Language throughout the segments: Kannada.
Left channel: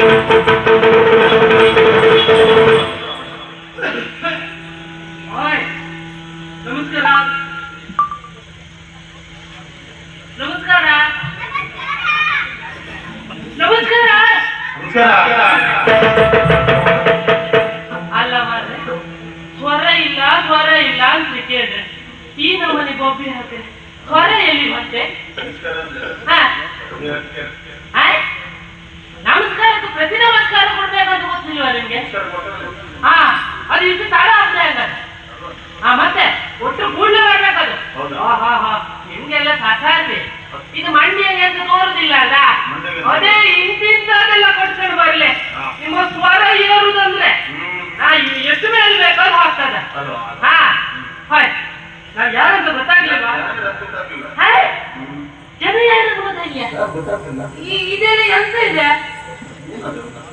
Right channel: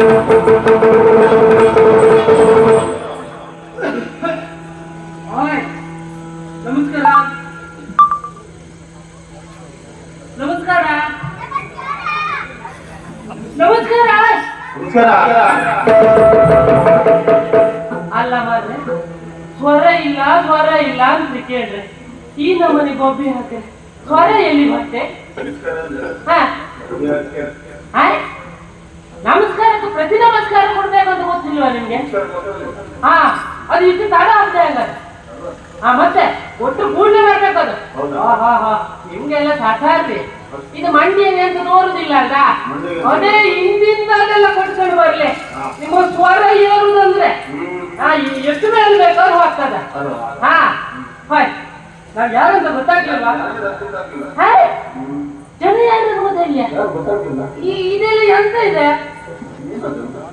ಹಾಯ್ ಹಾ ಅದು ಇಷ್ಟು ತಡ ಆಗ್ತಾ ಇಲ್ಲ ಹಾ ಮತ್ತೆ ಒಟ್ಟು ಕೂಡಲೇ ಬರ್ಬೇಕದು ಹಿಂಗೆಲ್ಲ ಸಾಕಾರ್ತಿ ಇದು. ಮಂಡಿಯಲ್ಲಿ ಅಂತ ತೋರುದಿಲ್ಲ ಅಲ್ಲ? ಅದೇ ಹಿಂದಿಂದ ಅದೆಲ್ಲ ಕೊಟ್ಕೊಂಡು ಬರ್ಲಿ. ನಿಮ್ಮ ಸ್ವರ ಏರುದಂದ್ರೆ. ಹಾ ಎಷ್ಟು ಮೇಲೆ ಬೇಕಾದ್ರೂ ಹೋಗ್ತದ ಹಾ. ಹಾಯ್. ನಾವ್ ಯಾರಂತ ಗೊತ್ತಾಗ್ಲಿಲ್ವಾ? ಹಾ? ಜನ ಯಾರಂತ ಗೊತ್ತಾಗ್ಲಿಲ್ಲ? ಇದೆಲ್ಲ ಎಂತ ಇದೆ?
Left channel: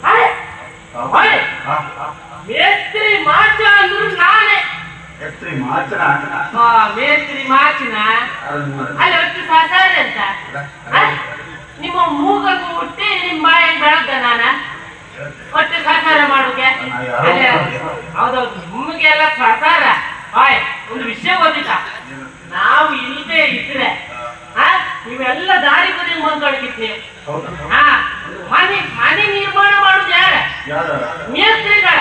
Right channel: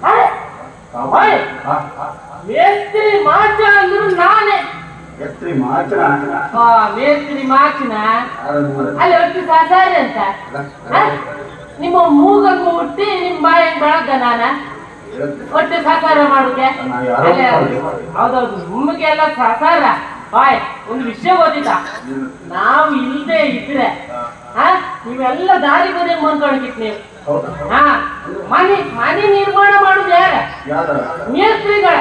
ಹಾಯ್ ಹಾಯ್ ಮೇಸ್ತ್ರಿ ಮಾಚ ಅಂದ್ರು ನಾನೇ. ಮೇಸ್ತ್ರಿ ಮಾಚನ ಹಾ ಮೇಸ್ತ್ರಿ ಮಾಚಿನ ಅಲ್ಲಿ ಒಟ್ಟು ಸಾಸಾರಿ ಅಂತ? ನಿಮ್ಮ ಮೂಗನ್ನು ಮುಟ್ಟಿ ನಿಮ್ಮ ಬಾಯಿ ಬೆಳಗ್ಗ ನಾನ? ಒಟ್ಟು ಸಾಕಾರ ಮಾಡುಗೆ? ಹೌದೌದು ನಿಮಗೆಲ್ಲ ಸಾಕಾರ ಹಾಯ್ ಒಂದು ವಿಷಯ ಗೊತ್ತಿತ್ತ ನಾವು ಇಲ್ಲದೆ ಇದ್ರೆ ಹ? ನೀವೆಲ್ಲ ದಾರಿ ಬದಿ ಮುಂದ್ಕೊಂಡಿತ್ತು ನೀವು. ಹಾ ಮನೆ ಮನೆ ನಿರ್ಮಾಣ ಮಾಡುದು ಯಾರ? ಮೇಸ್ತ್ರಿಗಳ.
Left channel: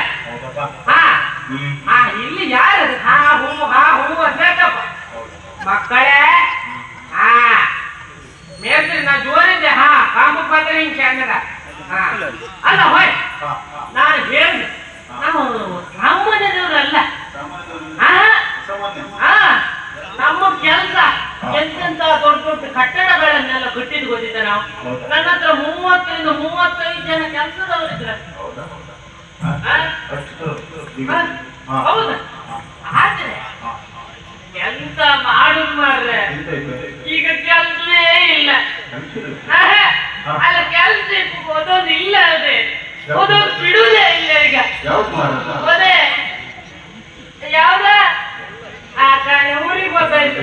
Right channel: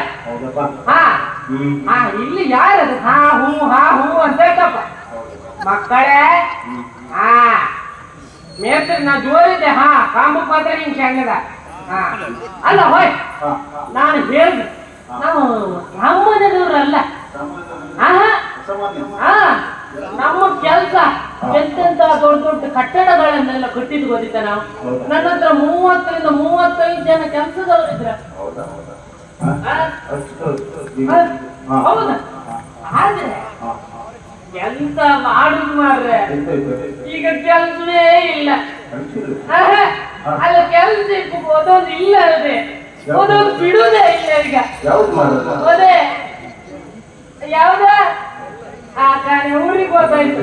ಹಾ. ಹಾ ಇಲ್ಲಿ ಯಾರ? ಹಾ ಹೂ ಹಾ ಹೂ ಅಂತಪ್ಪ ಮಕ್ಕಳೇ ಹಾ. ಮೇಸ್ತ್ರಿ ನಾ ಜೋರಿದ್ದೆ ಹಾ. ಕಾಮಕ್ ಮಾತ್ರ ಹಿಂಗ್ ಚಂದದ. ಹಾ. ಅಲ್ಲ ಹೋಯ್. ನಾನು ಹೇಳಿದೆ. ನಾವು ನಮ್ಮನೆದವ್ರಲ್ಲ ಹಾ. ಸಾಮಾನ್ಯ ಹಾ. ನಮ್ಮ ಕೆಲಸ. ಎಂತೆಂತ ದೊಡ್ಡ ದೊಡ್ಡ ಕಟ್ಟಡಗಳನ್ನೆಲ್ಲ ಕಟ್ಟಿದ್ ಗೊತ್ತಿದ್ದ ನಾವು? ನನ್ನ ಹತ್ರ ಮೂವತ್ತರಿಂದ ಮೂವತ್ತೈದು ಜನ ಕೆಲಸದವರಿದ್ರ ಹೌದಾ? ಆದ್ರೆ ಎಂತ ಮಾಡುದು ಮಾಡ್ರೆ ಈಗ ಕೆಲ್ಸವೇ ಇಲ್ಲ. ಅಲ್ಲ ಕೆಲ್ಸ ಓದೋದು ಇಲ್ಲ ಅದೇ. ಓದೋದು ಬಿಡುದೇ ಇಲ್ಲ ಈಗ. ಅದೇ ಯಾವ್ದ? ಆ ಹೋಗ್ತಾ ಊರಿಗೆ ಗೊತ್ತಾಯ್ತು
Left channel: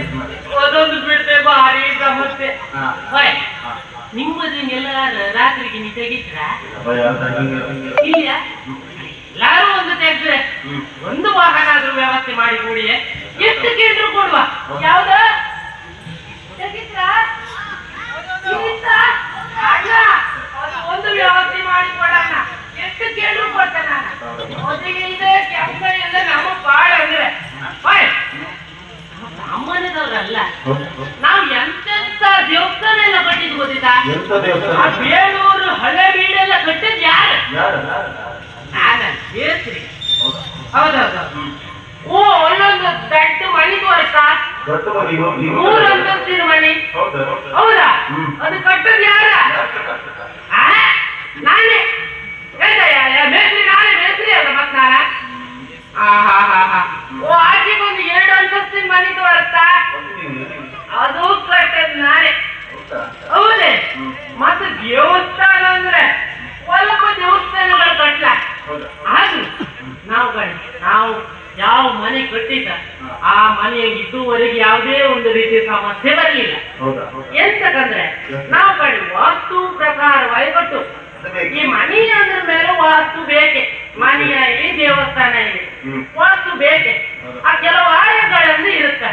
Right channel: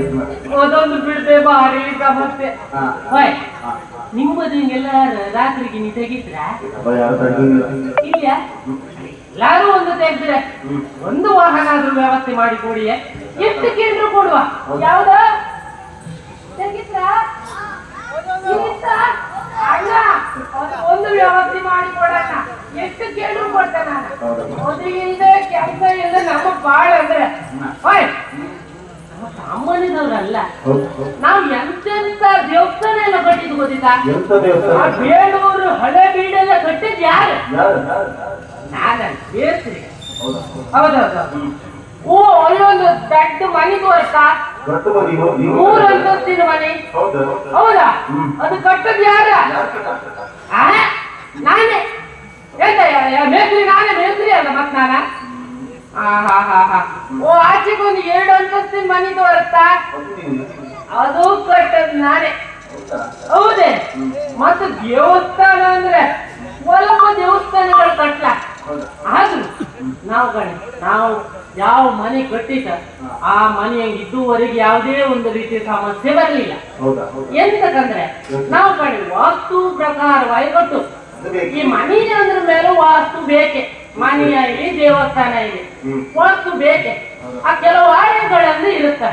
ಅದೊಂದು ಬಿಡ್ತೆ ಭಾರಿ ಸಮಸ್ಯೆ. ನಿಮ್ಮದು ಎಲ್ಲಾರು ರಾತ್ರಿಗೆ ನೀ ತೆಗಿದ್ರ ಇಲ್ಲ ಎಲ್ಲಾರು ಒಂದು ತೆಗ್ದ್ರೆ. ಒಂದು ವಾಹನ ಆದ್ರೂ ವ್ಯವಸ್ಥೆ ಮಾಡಿ ಕೊಡಿ. ಎಷ್ಟು ಕೇಂದ್ರ ಕೊಡುವ? ಯಾವ್ದ? ತೆಗಿತ್ರಾ? ಒಂದು ವ್ಯವಸ್ಥೆ ಮಾಡಿ ಕೊಡಣ್ಣ. ಎಷ್ಟು ಕೇಂದ್ರ ಕೊಡ್ತೇನೆ ನಾನು? ಮೊದಲಿಗೆ ಇದೆ ಕೆಲಸ ಇಲ್ಲ ನಮಗ್ ಬಾಳ ಅಂದ್ರೆ. ಸಾಮಾನ್ಯದವ್ರಲ್ಲ. ನಾವು ಎಂತೆಂತ ದೇವಸ್ಥಾನ ಎಲ್ಲ ಕಟ್ಟಿದ್ದು ಗೊತ್ತಿಲ್ಲ ಎಂತ ದೇವಸ್ಥಾನ? ಆ ಬೇಲೂರು ಹಳೆ ಬೀಡೆಲ್ಲ ಕಟ್ಟಿದ್ ಯಾರು? ಕೇಳ್ತೀನಿ ಹೌದಾ? ಹೌದೌದು. ಓ ಅಲ್ಲೊಂದು ದೊಡ್ಡ ಮನೆ ದೊಡ್ಡ ಮನೆ ಮೂರು ಅಂತಸ್ತಿನ ಮನೆ. ಹೌದಾ. ಅದು ಕಟ್ಟದ್ ಯಾರ? ನಾನೇ. ಅಂತಸ್ತಿನ ಮನೆ ಬರುತ್ತಾ ಅದು ಕಟ್ಟದ ನಾನೇ ಹೌದಾ? ಮತ್ತೆ ದೇವಸ್ಥಾನ ಅಂದ್ರೆ ಸ್ವಲ್ಪ ದೇವಸ್ಥಾನಗಳು ಕಟ್ಲ. ಆದ್ರೆ ನಾವು ನಾವು ಯಾವ ಮನೆ ಕಟ್ಟಿದ ಆ ಮನೆಯ ಇದುವರೆಗೆ ಯಾವುದೇ ಒಂದು ರೀತಿಯ ಸಮಸ್ಯೆ ಬರಲಿಲ್ಲ. ಎಂತಕಂದ್ರೆ ನಾವು ಕಡೆ ವಾಸ್ತು ಪ್ರಕಾರವಾಗಿ ಕಟ್ಟು ಈ ಬೇಕು ಮನೆ ಅಂದ್ರ ಮೇಲೆ ವಾಸ್ತು ಬೇಕೆ? ಮನೆಯ ದೇವಸ್ಥಾನ ಇದೆ. ಒಂದು ಬೇಕೆ. ಆ ಕೆಲವು ಆಯಗಳನ್ನು ಇರುತ್ತೆ.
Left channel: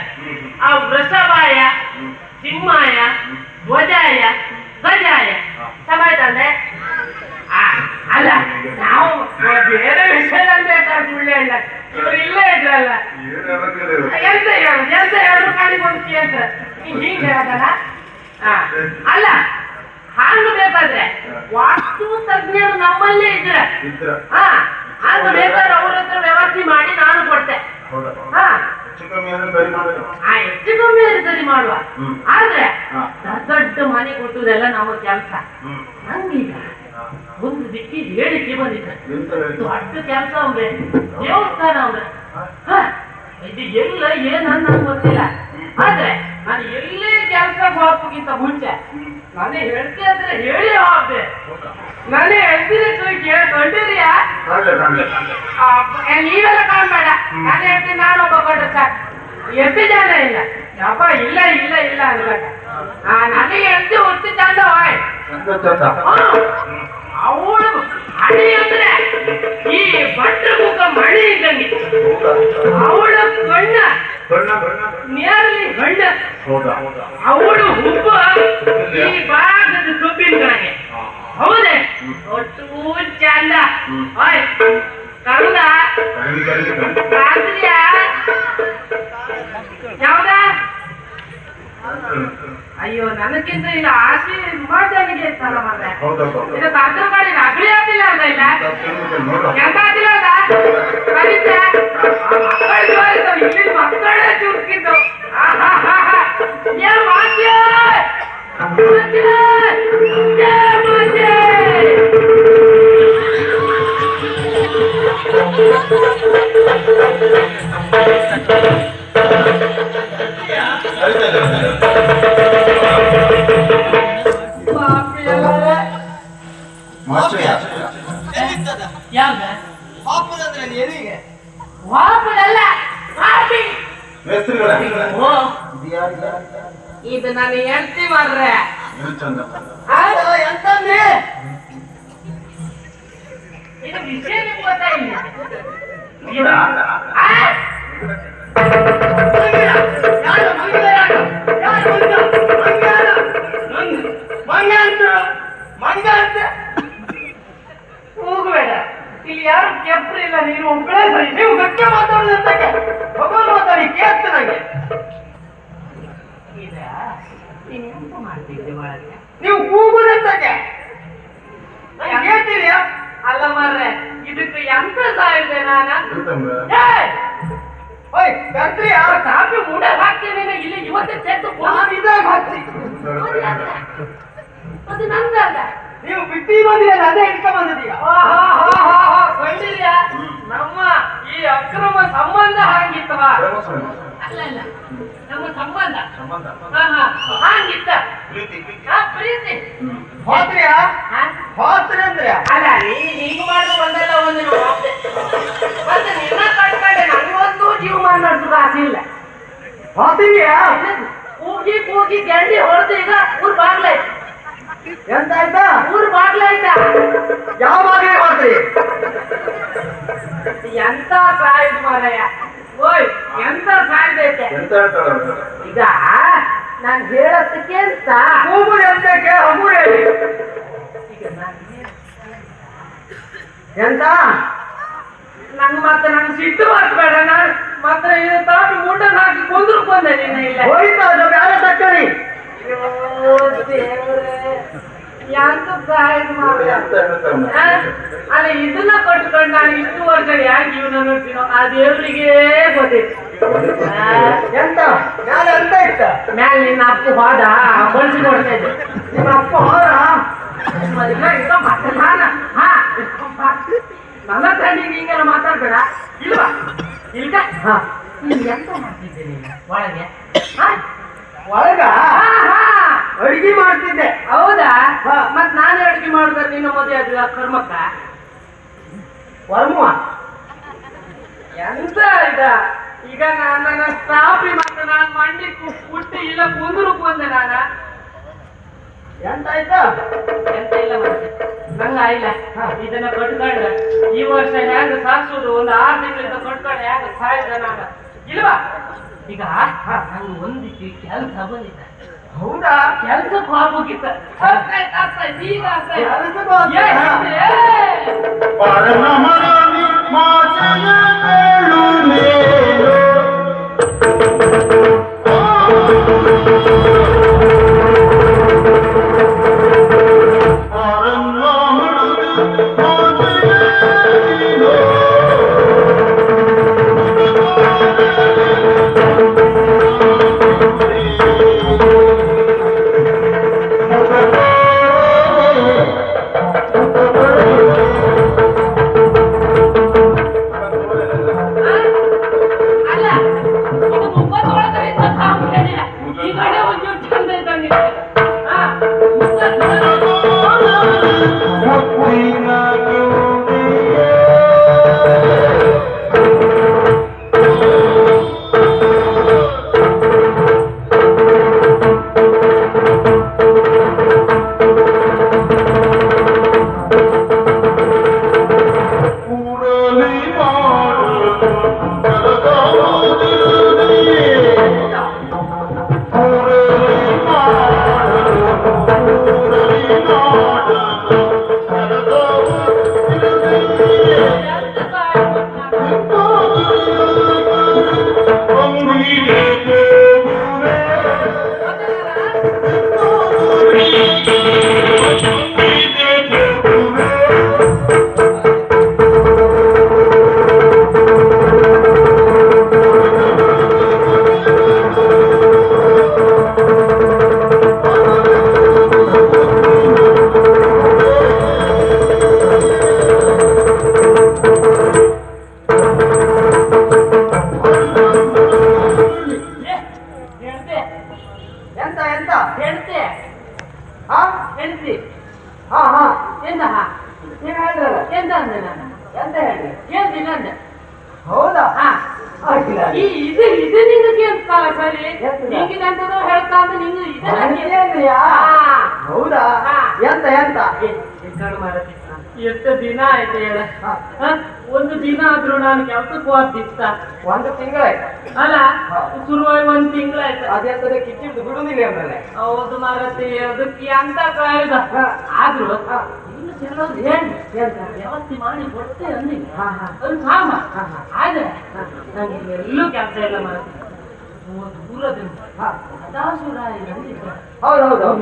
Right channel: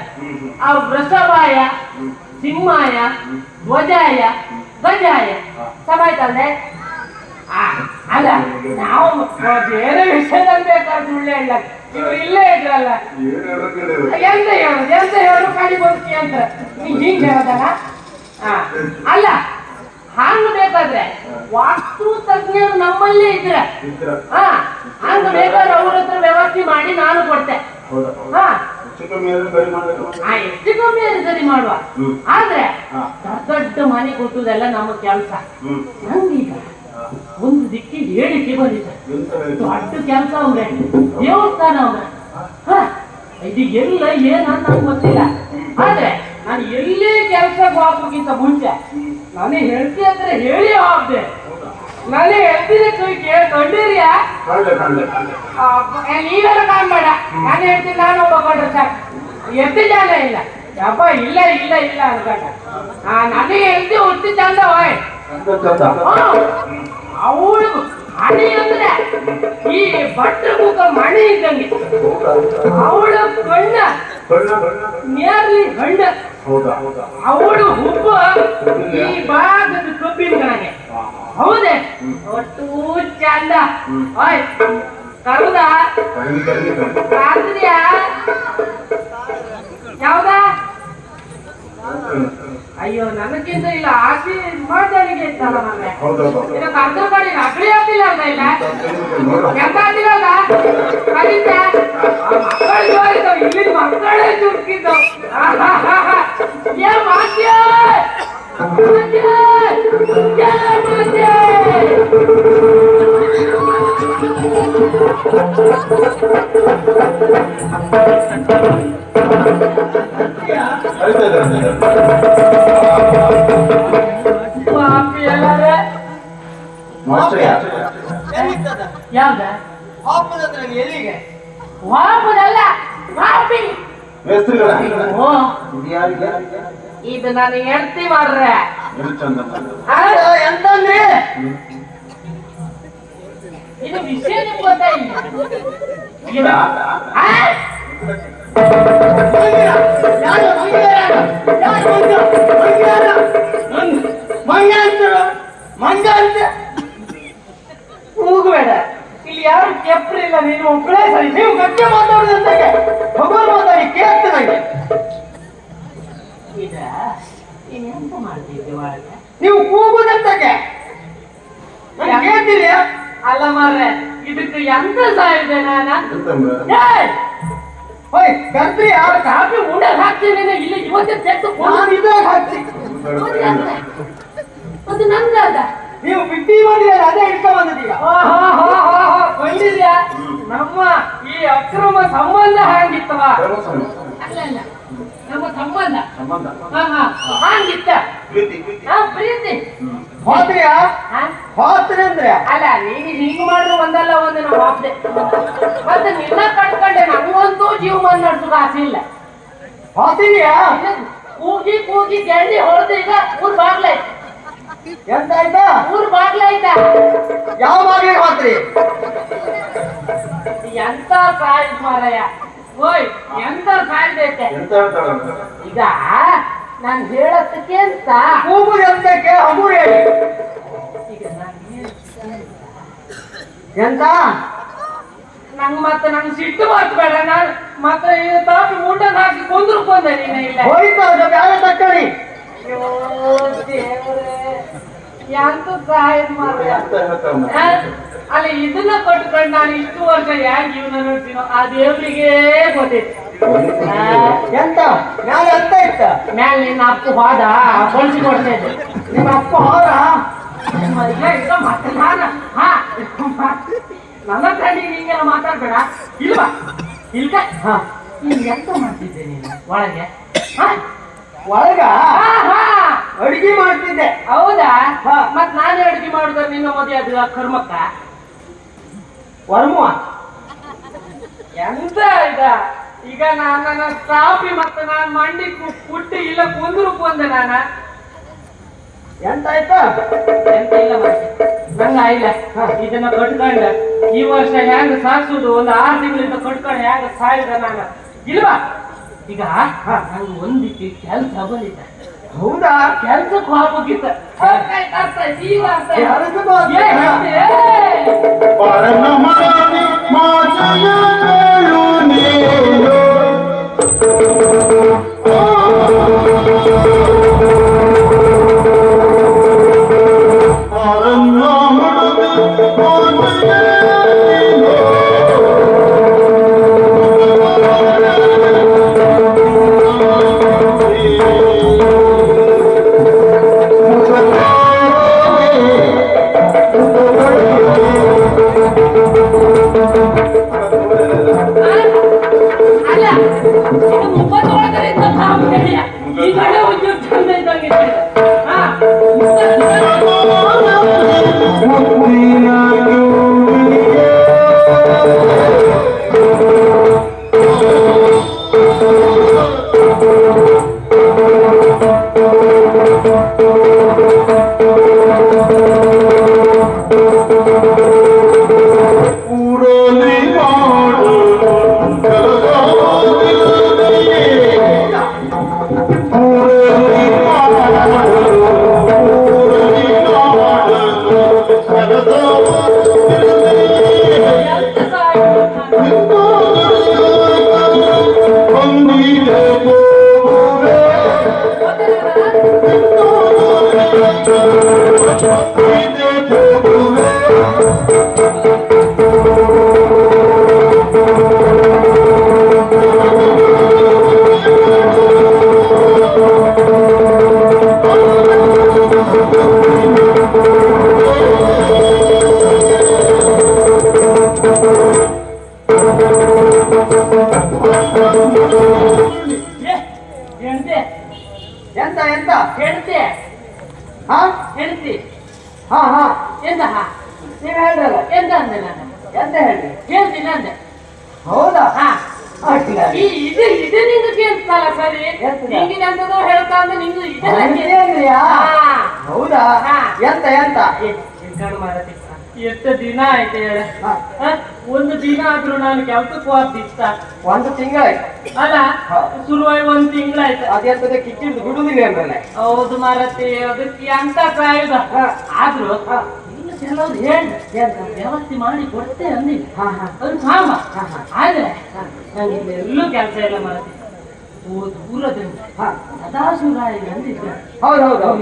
ಆ ವೃಷಭಾಯ ಸಿಂಹಾಯ ಧ್ವಜಾಯ ಗಜಾಯ ಆ, ಅಲ್ಲ ನಾವು ಬೇರೆ ವಿಷಯದಲ್ಲಿ ಬೇಕಾದ್ರೆ ಸುಳ್ಳು ಹೇಳ ಇವ್ರು ಇಲ್ಲೇ ಇದ್ರಲ್ಲ. ಎಂತ ಹೇಳುದು ಎಂತ ಹೇಳಿದ್ರು ಕಡಿ ಬಂದ್ಕಿ ಅಂತ. ನೀ ಹಿಂಗ್ ಹೇಳದಲ್ಲ? ಅಲ್ಲ ಹಾಂಗ್ ಬೇಕಾದ್ರೆ ವಾಸ್ತು ತಜ್ಞರು ನಮ್ಮಲ್ಲೇ ಇದ್ರೆ. ಇದ್ರ. ಹಾ ಹಂಗ ಬೇಕಾದ್ರೆ ಅವ್ರ ಹತ್ರ ವ್ಯವಸ್ಥೆ ಮಾಡಿ ನಾನು ಕೊಡ್ತೆ. ಹೆಚ್ಚು ಕಮ್ಮಿ ಆದ್ರೆ ಸರಿ ಎಷ್ಟು ಅದು ಮಾಡುವ. ಆದ್ರೆ. ದೊಡ್ಡ ದೊಡ್ಡ ಮನೆ ಕೊಟ್ಟುದೆಲ್ಲ ನಮ್ಮ ಕೆಲಸ. ನಂಗೀಗ. ಒಂದು ದಿಕ್ಕಿ ಹೇಳಿಕೆ ಬಂದಿದೆ. ಎಂತ ಹೇಳಿದ್ರು? ದೊಡ್ಡ ಕೆಲಸ ಅವ್ರೆ. ದೇವಸ್ಥಾನ ಅವ್ರೆ. ಹ, ಇದು ಎಲ್ಲ ಏನನ್ನ ಗೊತ್ತಿಲ್ಲ. ಆದ್ರೆ ನಾನು ಎಲ್ಲೇ ಕೆಲಸ ಹೋಗೋಕ್ಕಿಂತ ಮುಂಚೆ ನಾನು ಹೇಳ್ತಿ ಅಂದ್ರೆ ಹೇಳಿ ಹೋಗ್ದೆ ಹೌದಾ? ನಾನು ಹೇಳ್ತೀನಿ ಕೇಳ್ಕೊಂಡಿರಿಯಾ ಕಳ್ಳೆ ಕಳ್ಳೆ ಕಳ್ಳೆ. ನೀವೆಲ್ಲ ಕಾಣ್ಬೇಡ ನಾನು ಹೇಳ್ತೀನಿ ನಾನು ಒಬ್ಬ ಕಂಡ್ರೆ ಸಾಕು ಎಷ್ಟು ಜನ ಇಲ್ಲ ಯಪ್ಪ ಇಲ್ಲ ಇಲ್ಲ ಇಲ್ಲ ಅನ್ಕೊಂಡ ಆ, ನನಗೆ ಹೇಳ್ತಿ ಹುಟ್ಟಿ ಚಂದ ಹೋಯ್ ಎಂತ ಚಂದ? ಹ್ಮ್. ಅವಳು ಮಣಿ ಅಂದ್ರೆ ಈ ಭಟ್ರ ಮುಖ ಮಣಿ ಇದ್ದಂಗೆ ಹೌದಾ? ಅವಳ ಗಂಡ ಬಣ್ಣ ಬಣ್ಣ ನೇರ್ಲಿ ಗಂಡ ಹೌದಾ ಹೌದಾ ಅವಳು ಹುಬ್ಬ ಈ ಭಾಗದ ಕಬ್ಬಿನ ಕಣಗೆ ಹಾ. ಹೌದೇ? ಒಟ್ಟು ಚಂದ. ಓಯ್ ಕರುದ. ಯಾವ್ದಾ? ಅಯ್ಯೋ ನನಗಿಂತ ಇಲ್ಲ ಆಸಿ ಮಾತಾಡಿಗೆ ಇತ್ತಲ್ಲ ಮನೆ ಹೌದಾ ಹೌದಾ. ಇದು ಕರ್ದು ಕಡೆ ನಕಲಿ ಆಗ್ತಿಲ್ಲ ಅಂತ ಇಲ್ಲ. ಎಂತ ಆಗ್ತಿಲ್ಲ ಕರೀತೆ? ಮಕ್ಕಳು ಇಲ್ಲಿ ಮಕ್ಕಳೇ ಚುಕ್ಕಿದ್ದು ಏನ್ ಮಾಡ್ತೀಯ ಇದು ಯಾರು, ಯಾರು, ಯಾರು? ಇದು ನಾನು ಹೆಂಡ್ತಿ ಮಾಡ್ರೆ ಇದು ಚಂದ ಚಂದ. ಆ, ಎಂತಂದ್ರೆ ಇದು ವಿಷಯ ಗೊತ್ತಾಯಿಲ್ಲ ಇಲ್ಲ. ಯಾರು ಕೂಗಬೇಡ ಇಲ್ಲಿ ನೀನು ಒಬ್ಬಳೇ ಸರಿ ನೀವು ಗಟ್ಟಿ ಮಾತಾಡೋದು ಅಂತಕ್ಕೆ ಭಗವಾನ್ ಮಾತಾಡಿ ಕೇಳ್ತು ನಂಗೆ ನೀವು ಕೂಗುದಂತಕ್ಕೆ ನಂಗೆ ಕೇಳ್ತೀರಿಯಾ ಅಲ್ಲ ಮಾರ್ರೆ ಸಾಯಿದೆ ಇದೆ ನಾನು? ಏಯ್! ಹೋಯ್ ಗಂತ್ರಿಯಾ ಆ ಕಾಫಿ ಊಟ ಹಾಕ್ತೀನಿ ಇಲ್ಲಿ ಇವತ್ತೇ ತೆತ್ತು ನಾನು ಇದ್ರಾಗ ಅದು ಅದು ಅದ ನೀವು ಬಿಟ್ಟಿ ಬಂದಿದ್ದೀರ ಅದೇ ಹಿಡ್ಕೊಂಡ್ ಬಂದಿದ್ದೀಯ. ಬಂದಿದ್ಯಾ ನಮ್ಮ ಈ ಅಕ್ರಮ ಸಂಬಂಧ ಹಾಗಿತ್ತವ. ಅಲ್ಲ ನಮ್ಮ ಸಂಬಂಧ? ಸಂಬಂಧ. ಹಾ ಹಾ. ಹಾಗಿತ್ತ ಪ್ರೀತಿ, ಪ್ರೀತಿ. ಪ್ರೀತಿ. ಹಾ? ಹೋತ್ರಿ ಅಂದ್ರೆ? ಅಲ್ಲ ನೀನು ಹೀಗೆ ಮಾಡು ಒಂದಲ್ಲ ಒಂದು ನಾವು ಹೋಗ್ದೆ ಮತ್ತೆ ನಿನ್ನ ಕಟ್ಕೊಂಡೆ ನನಗಂತೂ ಜೀವಮಾನ ನಡೆಸೋದು ಆಸೆ ಇಲ್ಲ. ಕೂಗಿ ಕೂಗಿ ಗೆಂಡಿ ಹೊಡೆದು ಈಗ ಊರ್ ಬಾಗ್ಲಾಯ್ತು ಎಂತ ಆಯ್ತಾ ಊರ್ ಬಾಗ್ಲಾಯ್ತಾ ಯಾವ ಮಾರ್ಗ ಹೋತ್ರಿ ಎಂತ ಸಾಯ್ತು ಮಾರಾಯ. ಓಯ್ ಎಂತ ಸಾಯ್ದೈತೆ ಎಂತ ಹೇಳ್ತಾಳೆ ಅಂತ? ಈಗ ನಾನ್ ಹೇಳೋದಕ್ಕೆ ಅಂತ. ಕೂಗು ಎಂತಕ್ಕೆ? ಅಮು ಹೇಳಿ. ಈಗ ನಾನ್ ಎಂತ? ನಂಗ್ ಮತ್ತೆ ನಂಗೆ ಸಿಟ್ಟು ಬರ್ಬೇಡ ನಾನು ಮತ್ತೆ ಇದು ತಾಟಿ ಮುಂಡ ಹಾಕಿ ಕುಂದ್ರು ಬಂದೆ ನಿನ್ನ ಇಲ್ಲ. ಹೋಯ್ತಾ ಅದು ಬ್ಯಾರೆ ತಕ್ಕಣಿ. ಅಯ್ಯೋ ದೇವ್ರೇ. ಎಂತ ಅಲ್ಲಿ ಇದನ್ನ ಕಟ್ಕೊಂಡು ನಾನು ಇಷ್ಟು ವರ್ಷ ಯಾಕೆ ಜೀವನ ನೋಡ್ತೀನೋ ಆ ದೇವರಿಗೆ ಗೊತ್ತಿತ್ತು. ಆ, ಎಂತ? ನಾನು ಅಂತ ಇತ್ತ? ಮ್ಯಾಲೆ ನಿನ್ನ ಅಪ್ಪ ಹೋದ ಬಳಸಿ ಕೊಡ್ತಾ ಇದ್ದೆ. ನಿಮ್ಮ ಅಪ್ಪ ಹೋದ? ನನ್ನ ತಂಡಿ ನಿಂಗೆಲ್ಲ ಮಾತಾಡ್ಬೇಡ. ಇಲ್ವಾ? ಇಲ್ಕ? ಹಾ. ನೀನ್ ಎಂತ ಮಾಡ್ತಿದ್ದೆ ನೀನು? ಒಳಗೆ? ಒಳಗ. ಅಡಿಗೆ ಮಾಡ್ತಿದ್ದೆ. ಹೌದಾ. ಮತ್ ನಾನೇ ಅಡಿಗೆ ಮಾಡುದ ನಿನ್ನ ಮದುವೆ ಅದು ಕರ್ಮಕ್ಕ? ವರ್ಮುವ ಎಂತ ಇದ ಈಗ ನಾನು ನನ್ನ ಸಾಪಿ ಮತ್ತೆ ನಾನು ಮಂಡಿ ಕುಟ್ಟಿ ಇಲ್ಲ ಕುಂದ್ರು ಕೊಂದೆ ನಾನ. ಎಂತ ಆಯ್ತಾ? ಎಂತ ಇಲ್ಲ ನಂಗ ಇಲ್ಲ. ಇದನ್ನ ಕಟ್ಕೊಂಡ. ಈ ವರ್ಷ ಹೆಂಗ ಸಾಸುದು ಒಂದು ಆರು ತಿಂಗಳಿಂದ ಕಟ್ಕೊಂಡು ಹೆಂಗ ಸಾಯ್ದ ನಾನು? ಇಲ್ವಾ? ಈಗ ನಂಗೆ ಒಂದಿಕ್ಕೆ ಕೆಲಸ ಬಂದಿದ್ದ ಹೌದಾ? ಕೆಲ್ಸಕ್ಕೆ ಹೋಗ್ಬೇಕಿತ್ತ ಈಗ ಅರ್ಥ. Thank you. ಕೆಲ್ಸಕ್ಕೆ ಹೋದಿತ್ತ ಒಂದು ತಿಂಗಳಾಯ್ತು ಅಲ್ಲ. ಶುರುವಾಗಿ ಒಂದ್ ತಿಂಗಳಾಯ್ತು. ಅದೇ ಕಿಚ್ಚಿಡ್ದು ಬಿಡುದಿಲ್ಲ ಅಂದ್ರಲ್ಲ. ಹೌದು ಮಾರತಿ ಅದಕ್ಕೆ ಅಂತ ಕಾಯ್ದ. ಆದ್ರೂ ಕೆಲವ್ರು ಹೇಳಿ ವ್ಯವಸ್ಥೆ ಮಾಡಿ ಕೊಡ್ತೇನೆ ಅಂದ್ರೆ ಹಾ ಹಾ. ಅದು ಕಾಮ. ಆದ್ರೆ ನಂಗೆ ಎಲ್ಲೂ ಕೆಲಸ ಇಲ್ಲ ಮಾರತಿ.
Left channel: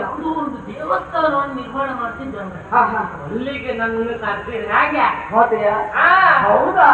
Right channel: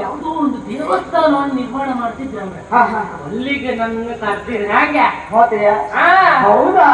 ಯಾವುದೋ ಒಂದು ದೇವಸ್ಥಾನ ನಿರ್ಮಾಣ ಮಾಡ್ತಿದ್ದೆ ಅವ್ನು. ಹಾ ಹಾ. ಅಲ್ಲಿಗೆ ನನ್ನ ಕರ್ತಿದ್ರೆ ಹಾಗೆ? ಹೌದಾ?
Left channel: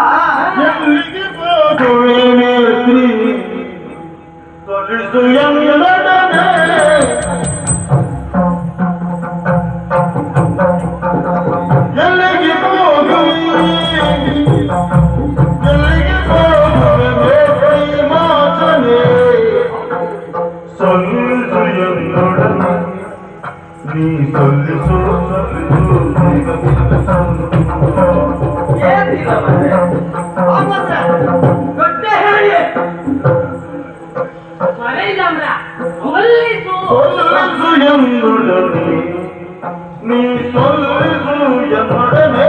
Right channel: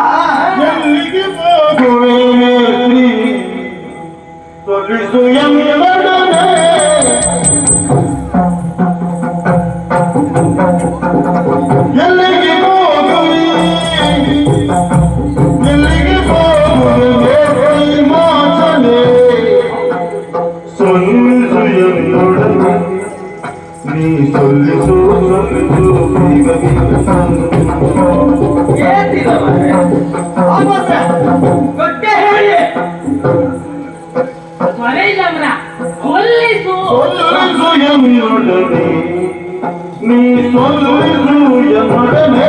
నీ సొల్లు ఎప్పుడనే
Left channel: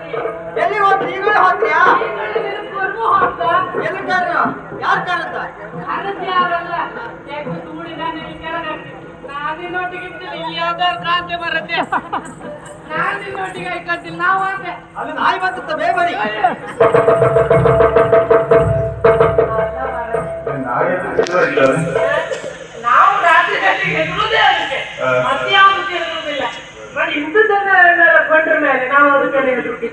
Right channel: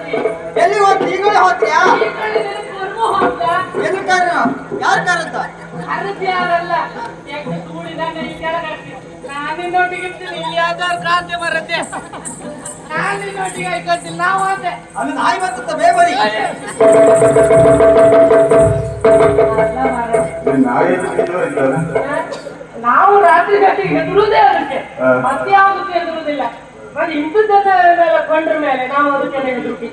ಎಲ್ಲಿ ಹೋಗಿ ಈಗಲೇ ಹೋಗ್ತೀಯಾ ಎಲ್ಲಿ ಕಾರಣ? ಯಾರು ಕಾರಂತ ಯಾರಲ್ಲ? ಯಾವ್ದಾರು ಬರುತ್ತೆ. ನಾವು ಆತೆ ಅಲ್ಲಿ ನಾಯಿ ಬರ್ತದ ಬೇಬರಿ ನಾವು ರಾತ್ರಿ ಗಟ್ಟಿಗೆ ಹೆದರುವುದೇ ಅದಕ್ಕೆ. ಹಾ. ಮತ್ತೆ ಯಾವುದಕ್ಕೆ ಹೆದರುವುದಿಲ್ಲ ಮತ್ತೆ ಇಂಥದ್ದೆಲ್ಲ ಕಂಡ್ರ ಮೇಲೆ ನಾವು ಅದಕ್ಕೆ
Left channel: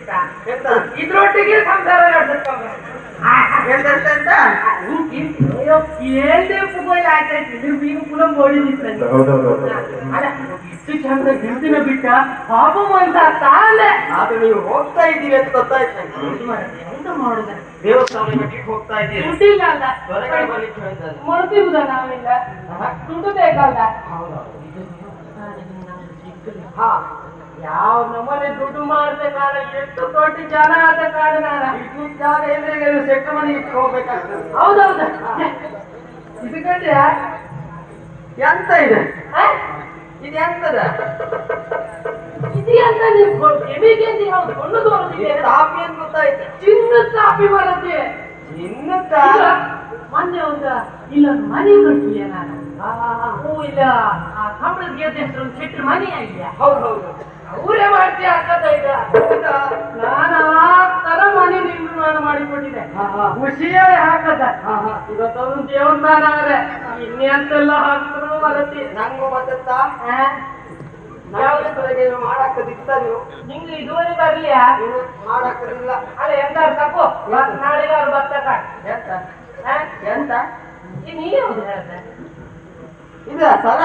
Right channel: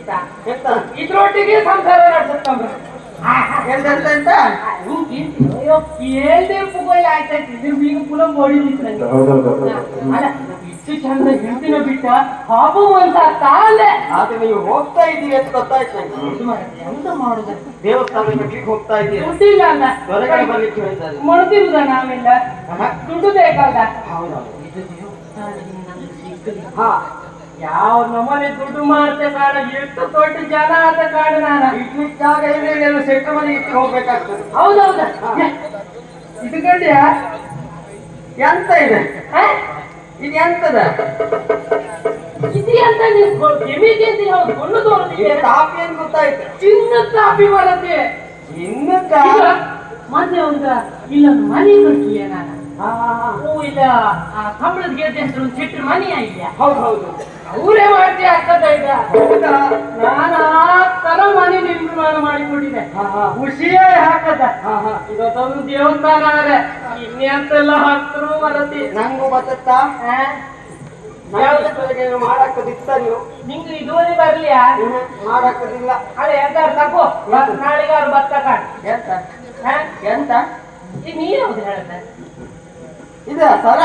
ಎಂತ? ಇದ್ರೊಟ್ಟಿಗೆ ಸಂಸಾರ ನಡೆಸುತ್ತಂದ್ರೆ. ಎಂತ? ಎಂತ ಎಂತ ಏಳ್ದೇ ಮೊಬೈಲ್ ಆಯ್ತಾಯ್ತು. ನೀವು ಈಗ ಪುನಃ ನೋಡಿ ಅಲ್ಲ ಇಷ್ಟು ಚಂದ ಹೆಂಡತಿನ ಬಿಟ್ಟ ಬಾಬು ಅಂತ ತಾಂದೆ ಆದ್ರೆ ನೀವು ಹೋಗ್ತಾ ಇದ್ದೀರಿ ಅಂತ ಗೊತ್ತಾಯ್ತು ನಂಗೆ. ಎಂತ ಮಾಡುದು? ದೇವಸ್ಥಾನ ಬಿಟ್ಟು ಹೋಗ್ತಾ ಇದ್ದೀರಿ. ಹೊರಗಡೆ ಬರ್ಲಿಕ್ಕೆ ಮರುತಿರುದ ನಾವೆಲ್ಲ. ದುಡ್ಡು ಬೇಕಲ್ಲ ಹೌದಾ ಇದು ದೇವಸ್ಥಾನದಿಂದ ನಮ್ಗೆ ಸಿಕ್ಕುದು. ಹಾ ಯಾವ ನಮ್ಮನೆ ದುಡ್ಡು ಮಾಡ್ತೆ ಕಾರಣ ಎಷ್ಟು ದೊಡ್ಡ ಜನ ಆದ ಕಾರಣ ನಾನು? ಇಡ್ಲಿಕ್ಕೆ ಜಾಗ ಇಲ್ಲ ಸೆಟ್ಟು ಮನೆ ಇಟ್ಟು ಹೋಗ್ಬೇಕಾಗ್ತದೆ. ಹೌದೌದ. ಇದು ಕಂಡ್ಯಾ? ಎಂತ ಇದೆ? ಇದು ಎಂತದ? ಇದು ಎಂತ ನೀವು ಎಮಿಗೆಂದು ಯಾವ್ದು ಕೊಂಡು ತೋರಿಸಿದ್ದೀರ ತಾಪಿ ಅಂತ ಗೊತ್ತಾಯ್ತು? ಚಿನ್ನ ಕಾಪಿ ಬರತ್ತೆ. ಚಿನ್ನ ಮನೆ ಮೊನ್ನೆ ಒಂದು ಇಲ್ಲೊಂದು ಮನೆ ನೋಡ್ತೀಯ ನಾನು? ಹಾ ಹೂ ಇಲ್ಲ ಆ ಕಂಬಳದ ಗೆದ್ದೆ ಹೆಸರು ಒಂದು ಚಿಟ್ರ ಮನೆ ಆಯ್ತಾ ಹೌದು ಹೌದು. ಅವರೇ ಮಾಡ್ತಿ ಆಗ್ತದ ಈಗ. ನಾನು ಆ ತರ ಮನೆ ನಿರ್ಮಾಣ ಹಾ ಖುಷಿಯಾಗಿ ಹಾಕದ. ಇವತ್ತೊಂದು ದೇವಸ್ಥಾನ ಆದ್ರೆ ಇನ್ನೆಂತೆಲ್ಲ ಹಾಕ್ತರು ಬರತಿ ನಂಗೂ ಬತ್ತತ್ತಾ? ನಾಳೆ ಮಾಡಕ್ಕದಿತ್ತ ನೀವು ನಿಂಗೆ ಇದುವರೆ ಬರ್ಲಿಯಾ? ಹ್ಮ್, ಮಾಡಕ್ಕದಿಲ್ಲ ಅದೇ ಎಂತ ತಗೋ ನಾಳೆಗಾರು ಭತ್ತ ಕಾಣ್. ಎಂತ? ಎಂತ? ನೀ ಯಾವ್ದು ಹೇಳ್ದೆ? ಇದ ಸರ?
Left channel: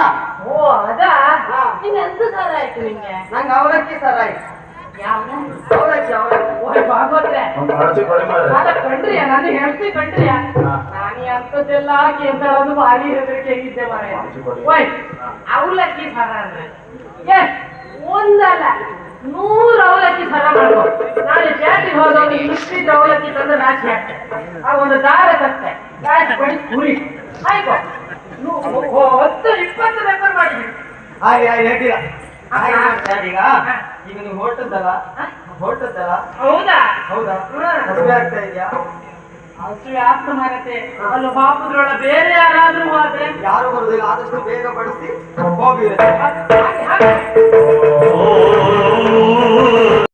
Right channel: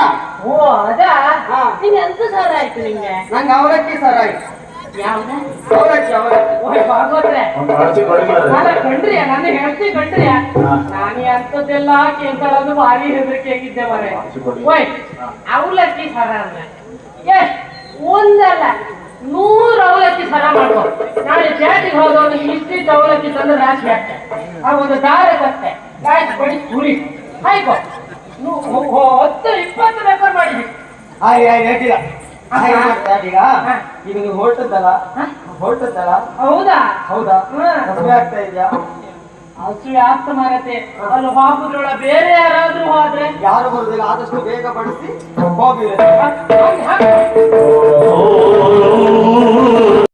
ಓ ಅದಾ? ಹಾ. ನಿಂಗೆ ಎಂತ ಸರ ಆಯ್ತು ನಿಂಗೆ? ನಂಗೆ ಅವಲಕ್ಕಿ ಸರ ಆಯ್ತು ಯಾವ್ದ? ಅವಲಕ್ಕಿ ಅವರಜ್ಜಿ ಓಯ್ ಭಾಗವತ್ರೆ. ಒಂದು ಆಚೆ ಕೊಡಿ ಮಾರ್ರೆ. ನಾನು ಕಂಡ್ರಿಯ ನಾನು. ನಾನು ಎಂತದ್ದೆಲ್ಲ ಕೇಳ್ತಾಳದು ಭಾರಿ ಹೆದರಿಕೆ ಆಗಿದ್ದೆ ಮಾರೆ ಓಯ್ ಅವಲಕ್ಕಿ ಸರ ಅಂದ್ರೆ? ಎಷ್ಟ್ ಒಂದಲ್ಲ ನೂರು ಅವಲಕ್ಕಿ ಸರ ಮಾಡುವ ನಾಳೆ ಜಾತಿ ಹೋದವನು ಇಷ್ಟಿದ್ದ ಅವಲಕ್ಕಿ ತಂದು ರಾಶಿ ಹಾಕ್ತೆ. ಆ ಒಂದು ದಾರ ತತ್ತೆ ರಾಶಿ ಪಡಿ ಸುರಿ ಒ- ಹತ್ತು ಇಪ್ಪತ್ತು ಬೇಕಾದ್ರೆ ಮಾಡಿದ್ವಿ ಹಾಗೆ ಯಾರು ಹೇಳ್ತೀರಾ ಹಾಗೆ ಈಗ ನೀವು ಹೊರಟದ್ದಲ್ಲ ಹೊರಟದ್ದಲ್ಲ ಹೌದಾ? ಹೌದಾ. ಮದುವೆ ಆಗ್ತಾ ಇದೆಯಾ? ಅಷ್ಟು ವ್ಯಾಪ್ತ ಮಾರತೆ ಅಲ್ಲಿ ಹಾಕುದ್ರೊಳ ಬೇರೆ ಯಾರಾದ್ರೂ ಹೋದ್ರೆ? ಯಾರು ಬರುದಿಲ್ಲ ಆದಷ್ಟು ಬೇಗ ಪಡಿಸಿ ಹೋಗಿರಿ ಹಾಗೆ, ಹಾಗೆ.